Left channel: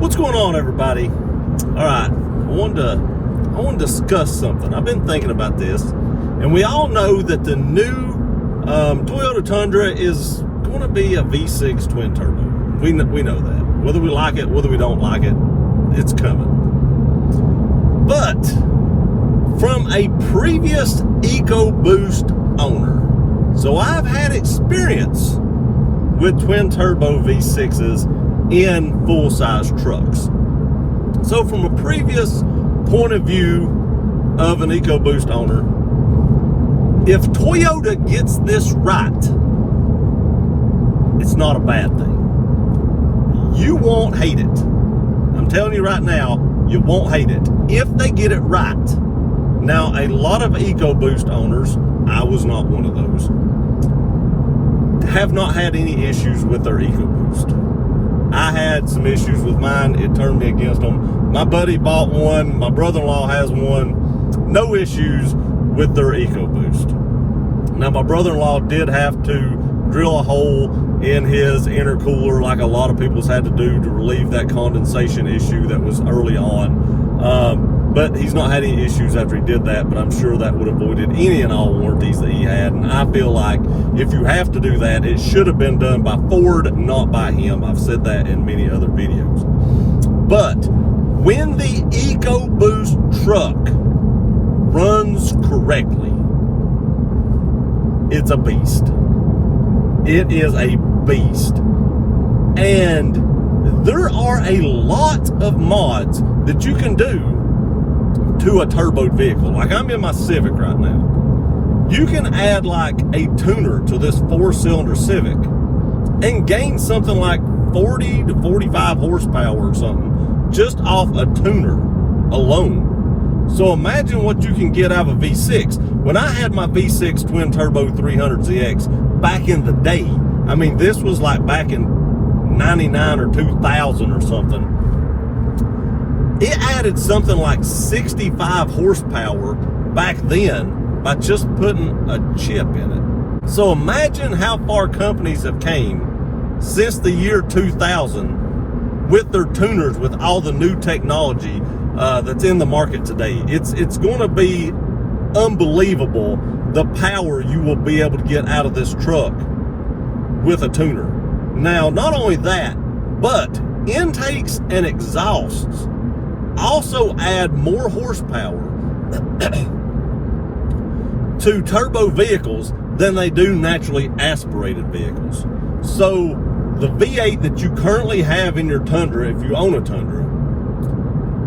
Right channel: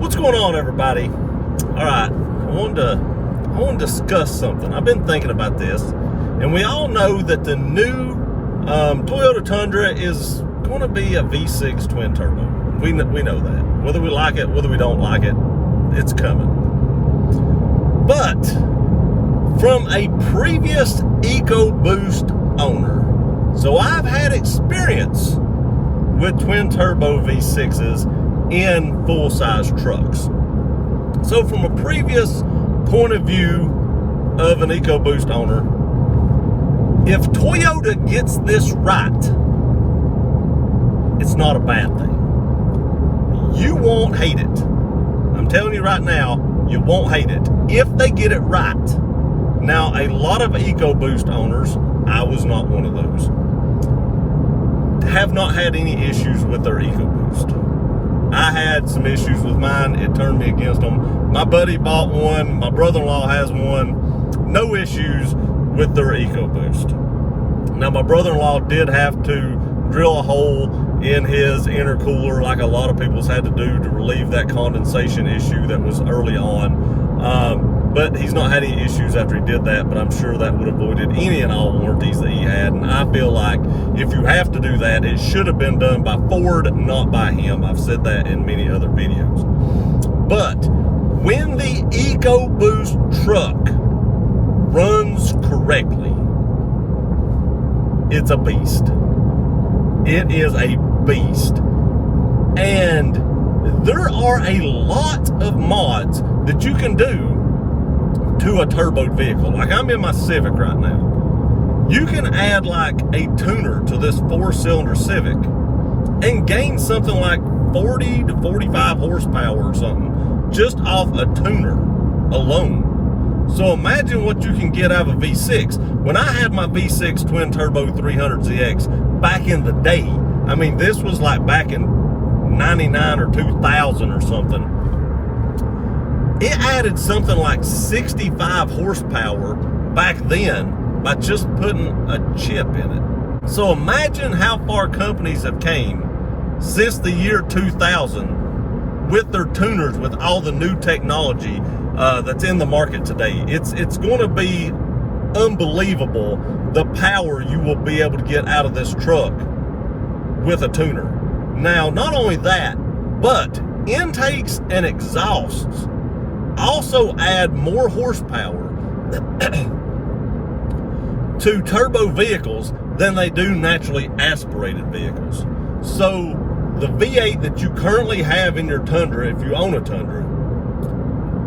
What's going on, everybody? All right, I wanted to discuss something. I've been thinking about this, and we all know that the new Toyota Tundra is going to be a V6 twin turbo. We know that. Whether we like it, whether we don't like it, it's coming. But from a previous EcoBoost owner, so I've had experience with twin turbo V6s in full-size trucks. So from a previous point of view of an EcoBoost owner, if Toyota gets this right, it's not a bad thing. You won't hate it. I'm telling you right now, you won't hate it if they get it right. Now, a lot of EcoBoost owners, I was not one of those, have not had any issues with their EcoBoost. I had some issues with mine. It turned me against them. My buddy bought one. My brother-in-law has one. No issues with their EcoBoost. Now, my brother-in-law did have to drill a hole in his intercooler like a lot of people's had to do to relieve that condensation issue that was early on. But he's not had any issues after he did that, but I'm sure that would have avoided any and all warranties that he had. And I feel like if you have to do that, it should have been done by Ford, not by him. I've said that in many other videos. But when the EcoBoost truck runs correctly, it's a beast. It is a beast. And there are a lot of mods that you can do to a turboed vehicle. Like I'm in my Civic right now. You can add like a tuner to this 4-cylinder Civic and gain something like 40 to 45 horsepower or something just off a tuner alone. So imagine what you can get out of a V6. When I had my V6 twin turbo 300ZX back in the day, I mean, this was like back in 99 or 2000 or something. It added something like 65 horsepower back then by just putting a chip in it. So imagine how far companies have came since the year 2000 with their tuners, with all the new technology that's in the market today. It's going to be unbelievable the power you will be able to get out of this truck with a tuner. Now, not only that, but intakes and exhausts also add more horsepower to turbo vehicles than they do naturally aspirated vehicles. So the V8 that you currently have in your Tundra, if you own a Tundra,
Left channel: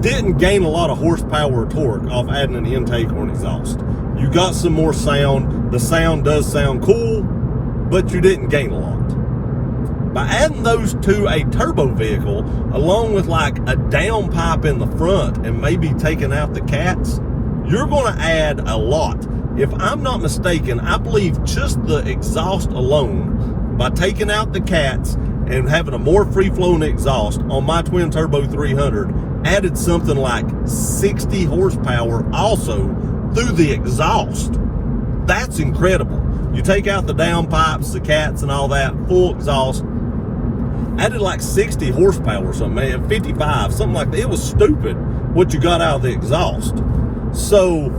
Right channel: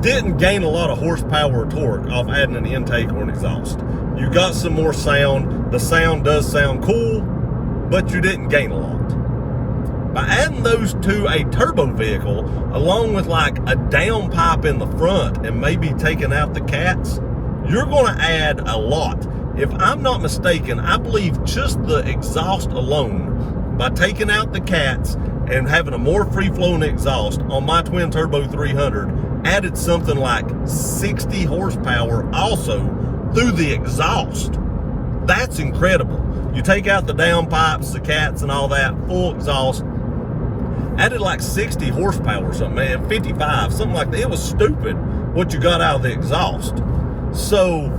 didn't gain a lot of horsepower or torque off adding an intake or an exhaust. You got some more sound. The sound does sound cool, but you didn't gain a lot. By adding those to a turbo vehicle, along with like a downpipe in the front and maybe taking out the cats, you're going to add a lot. If I'm not mistaken, I believe just the exhaust alone, by taking out the cats and having a more free-flowing exhaust on my twin turbo 300, added something like 60 horsepower also through the exhaust. That's incredible. You take out the downpipes, the cats and all that, full exhaust, added like 60 horsepower or something, man, 55, something like that. It was stupid what you got out of the exhaust. So,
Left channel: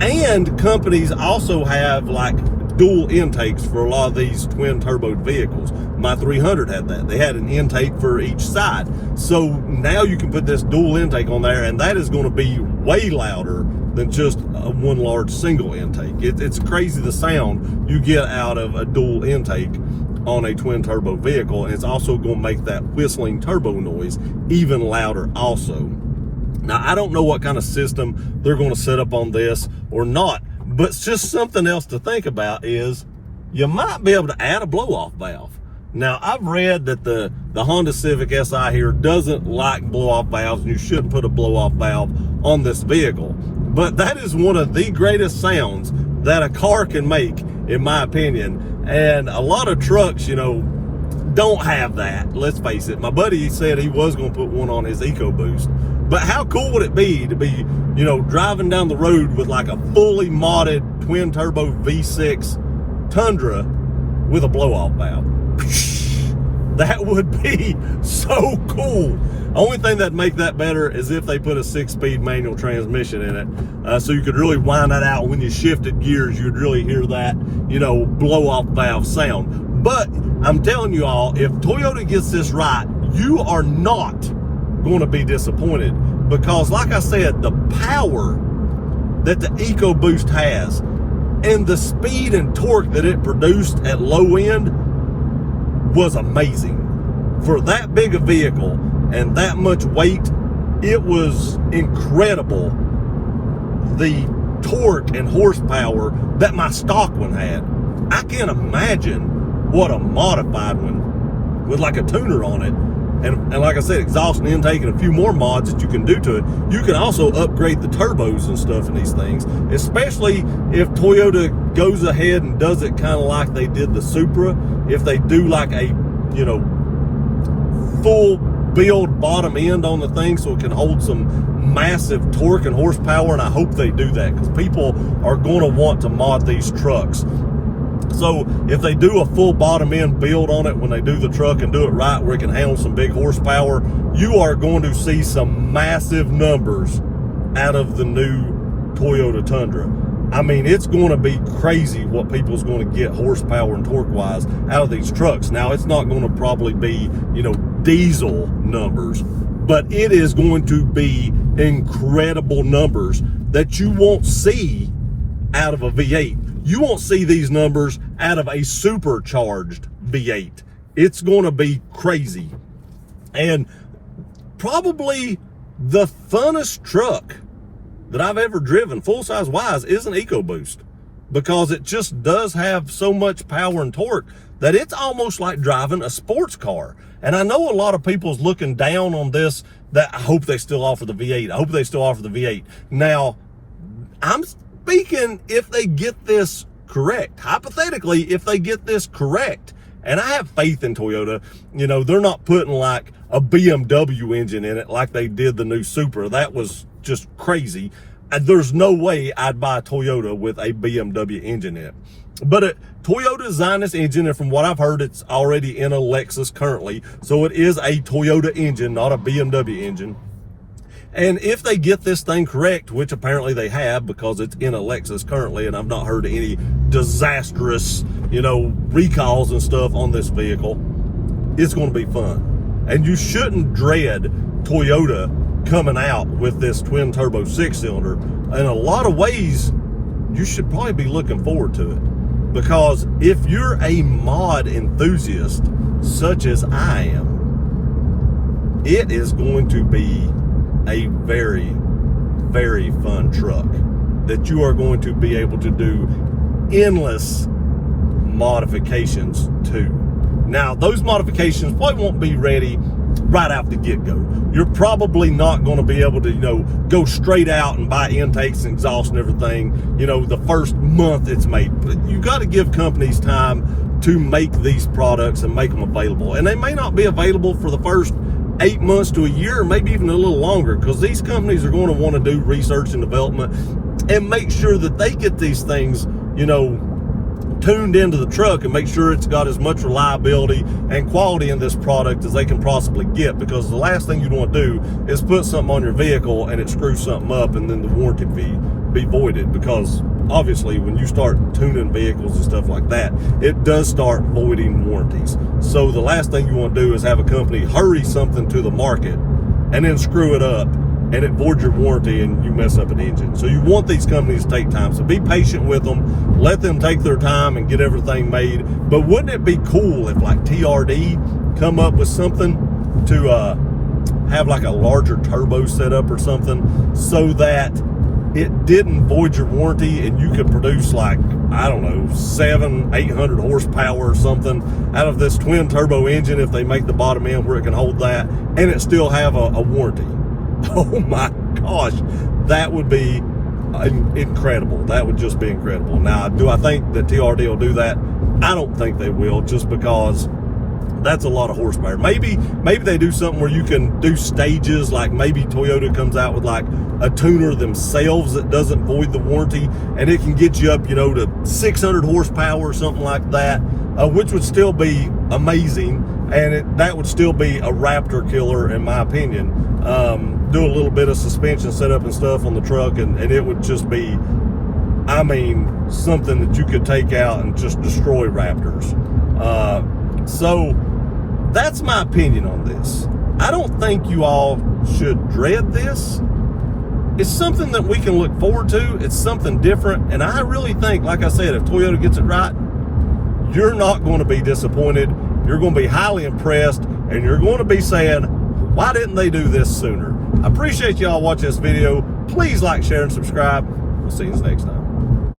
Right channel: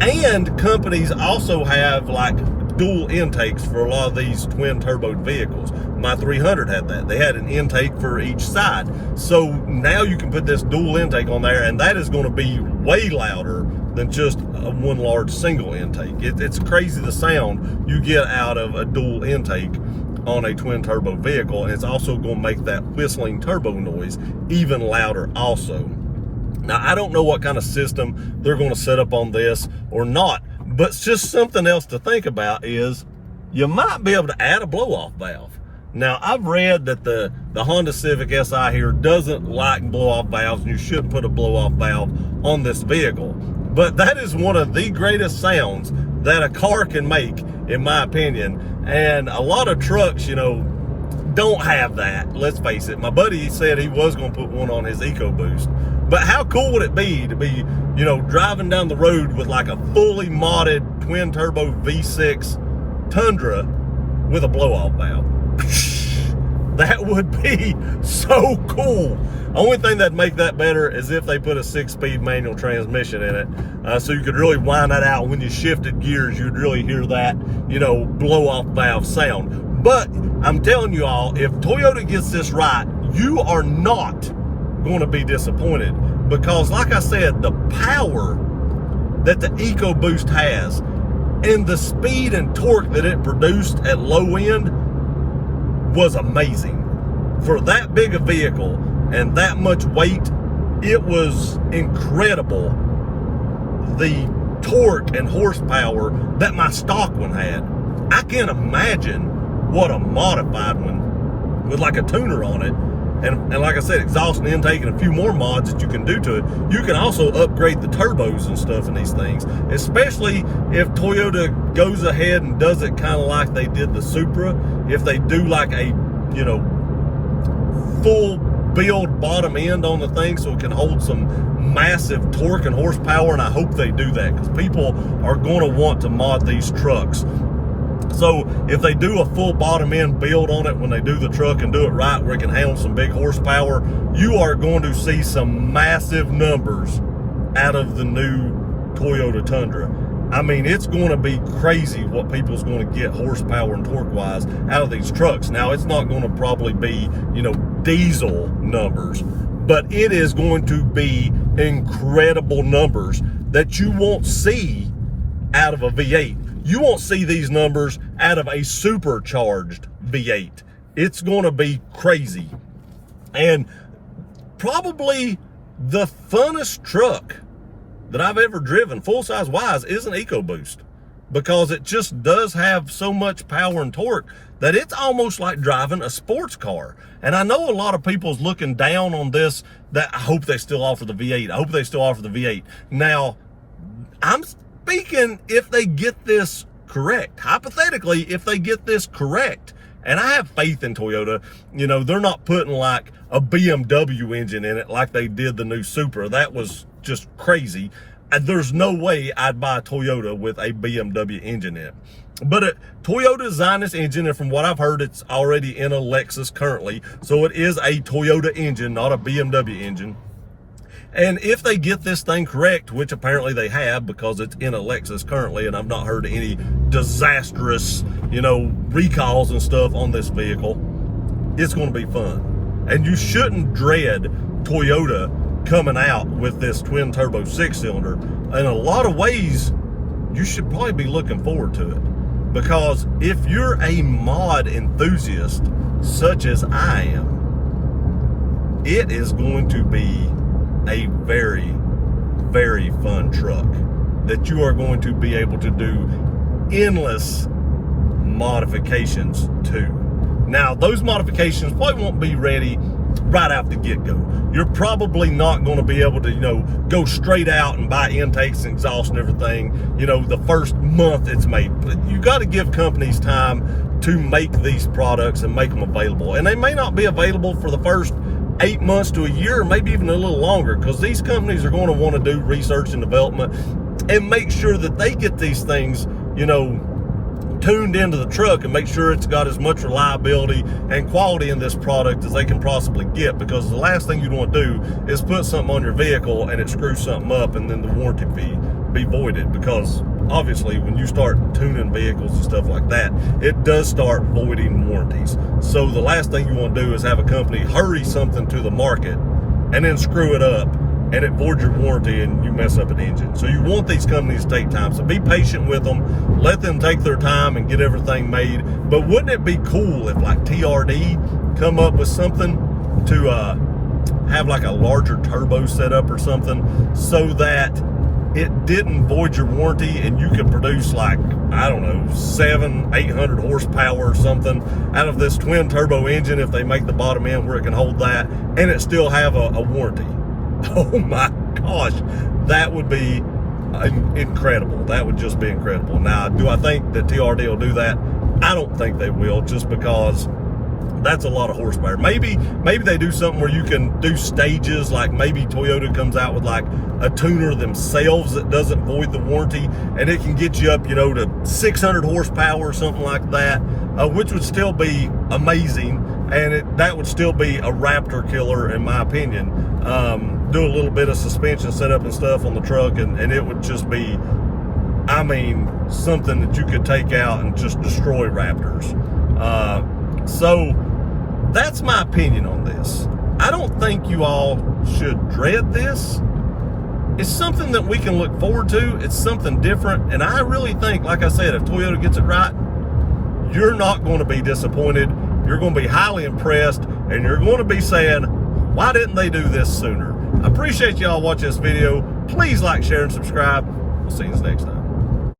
and companies also have like dual intakes for a lot of these twin turboed vehicles. My 300 had that. They had an intake for each side. So now you can put this dual intake on there, and that is going to be way louder than just one large single intake. It's crazy the sound you get out of a dual intake on a twin turbo vehicle, and it's also going to make that whistling turbo noise even louder also. Now, I don't know what kind of system they're going to set up on this or not, but just something else to think about is you might be able to add a blow-off valve. Now, I've read that the Honda Civic Si here doesn't like blow-off valves, and you shouldn't put a blow-off valve on this vehicle. But that is one of the greatest sounds that a car can make, in my opinion. And a lot of trucks, you know, don't have that. Let's face it. My buddy said he was going to put one on his EcoBoost. But how cool would it be to be, you know, driving down the road with like a fully modded twin turbo V6 Tundra with a blow-off valve? That would be so cool. Only thing that'd make that better is if they put a 6-speed manual transmission in it. So you could really wind that out when you shifted gears. You'd really hear that, blow off valve sound. But I'm telling you all, if Toyota gets this right, you are not going to be disappointed, because like I said, the power that the EcoBoost has and the speed and torque that it produced at low end was amazing. For that big a vehicle and that much weight, it was incredible. The torque and horsepower that my stock one had. I can't imagine what a modified one with like a tuner on it, and like I said, exhaust and intake and a few more mods that you can do to it. You can also upgrade the turbos and stuff in these things, especially if Toyota goes ahead and does it kind of like they did the Supra. If they do like a, full build bottom end on the thing so it can hold some massive torque and horsepower, and I hope they do that, because people are going to want to mod these trucks. So if they do a full bottom end build on it when they do the truck and do it right where it can handle some big horsepower, you are going to see some massive numbers out of the new Toyota Tundra. I mean, it's going to be crazy what people's going to get horsepower and torque wise out of these trucks. Now, it's not going to probably be, diesel numbers, but it is going to be incredible numbers that you won't see out of a V8. You won't see these numbers out of a supercharged V8. It's going to be crazy. And probably the funnest truck that I've ever driven, full-size wise, is an EcoBoost, because it just does have so much power and torque that it's almost like driving a sports car. And I know a lot of people's looking down on this, that I hope they still offer the V8. I hope they still offer the V8. Now, I'm speaking if they get this correct. Hypothetically, if they get this correct, and I have faith in Toyota, they're not putting like a BMW engine in it like they did the new Supra. That was just crazy. And there's no way I'd buy a Toyota with a BMW engine in it. But Toyota designed this engine, and from what I've heard, it's already in a Lexus currently. So it is a Toyota engine, not a BMW engine. And if they get this thing correct, which apparently they have, because it's in a Lexus currently, and I've not heard any disastrous, recalls and stuff on this vehicle, it's going to be fun. And you shouldn't dread Toyota coming out with this twin turbo 6-cylinder. In a lot of ways, you should probably be looking forward to it, because if you're a mod enthusiast such as I am, it is going to be a very, very fun truck that you are going to be able to do endless modifications to. Now, those modifications probably won't be ready right out the get-go. You're probably not going to be able to, go straight out and buy intakes and exhaust and everything, the first month it's made. But you got to give companies time to make these products and make them available. And they may not be available for the first 8 months to a year, or maybe even a little longer, because these companies are going to want to do research and development and make sure that they get these things, tuned into the truck, and make sure it's got as much reliability and quality in this product as they can possibly get. Because the last thing you'd want to do is put something on your vehicle and it screws something up and then the warranty fee be voided, because obviously when you start tuning vehicles and stuff like that, it does start voiding warranties. So the last thing you want to do is have a company hurry something to the market and then screw it up and it voids your warranty and you mess up an engine. So you want these companies to take time. So be patient with them, let them take their time and get everything made. But wouldn't it be cool if like TRD come up with something to have like a larger turbo setup or something, so that it didn't void your warranty and you could produce like, I don't know, 700-800 horsepower or something out of this twin turbo engine, if they make the bottom end where it can hold that, and it still have a warranty. Oh my gosh, that would be incredible. That would just be incredible. Now, do I think that TRD will do that? I don't think they will, just because that's a lot of horsepower. Maybe they do something where you can do stages, like maybe Toyota comes out with like a tuner themselves that doesn't void the warranty, and it can get you up, to 600 horsepower or something like that, which would still be amazing. and that would still be a Raptor killer in my opinion. Do a little bit of suspension setup and stuff on the truck, and it would just be, I mean, something that you could take out and just destroy Raptors. So that's my opinion on this. I don't think you all should dread this. It's something that we can look forward to. It's something different. And I really think, like I said, if Toyota gets it right, you're not going to be disappointed. You're going to be highly impressed, and you're going to be saying, why didn't they do this sooner? I appreciate y'all watching this video. Please like, share, and subscribe. We'll see you next time.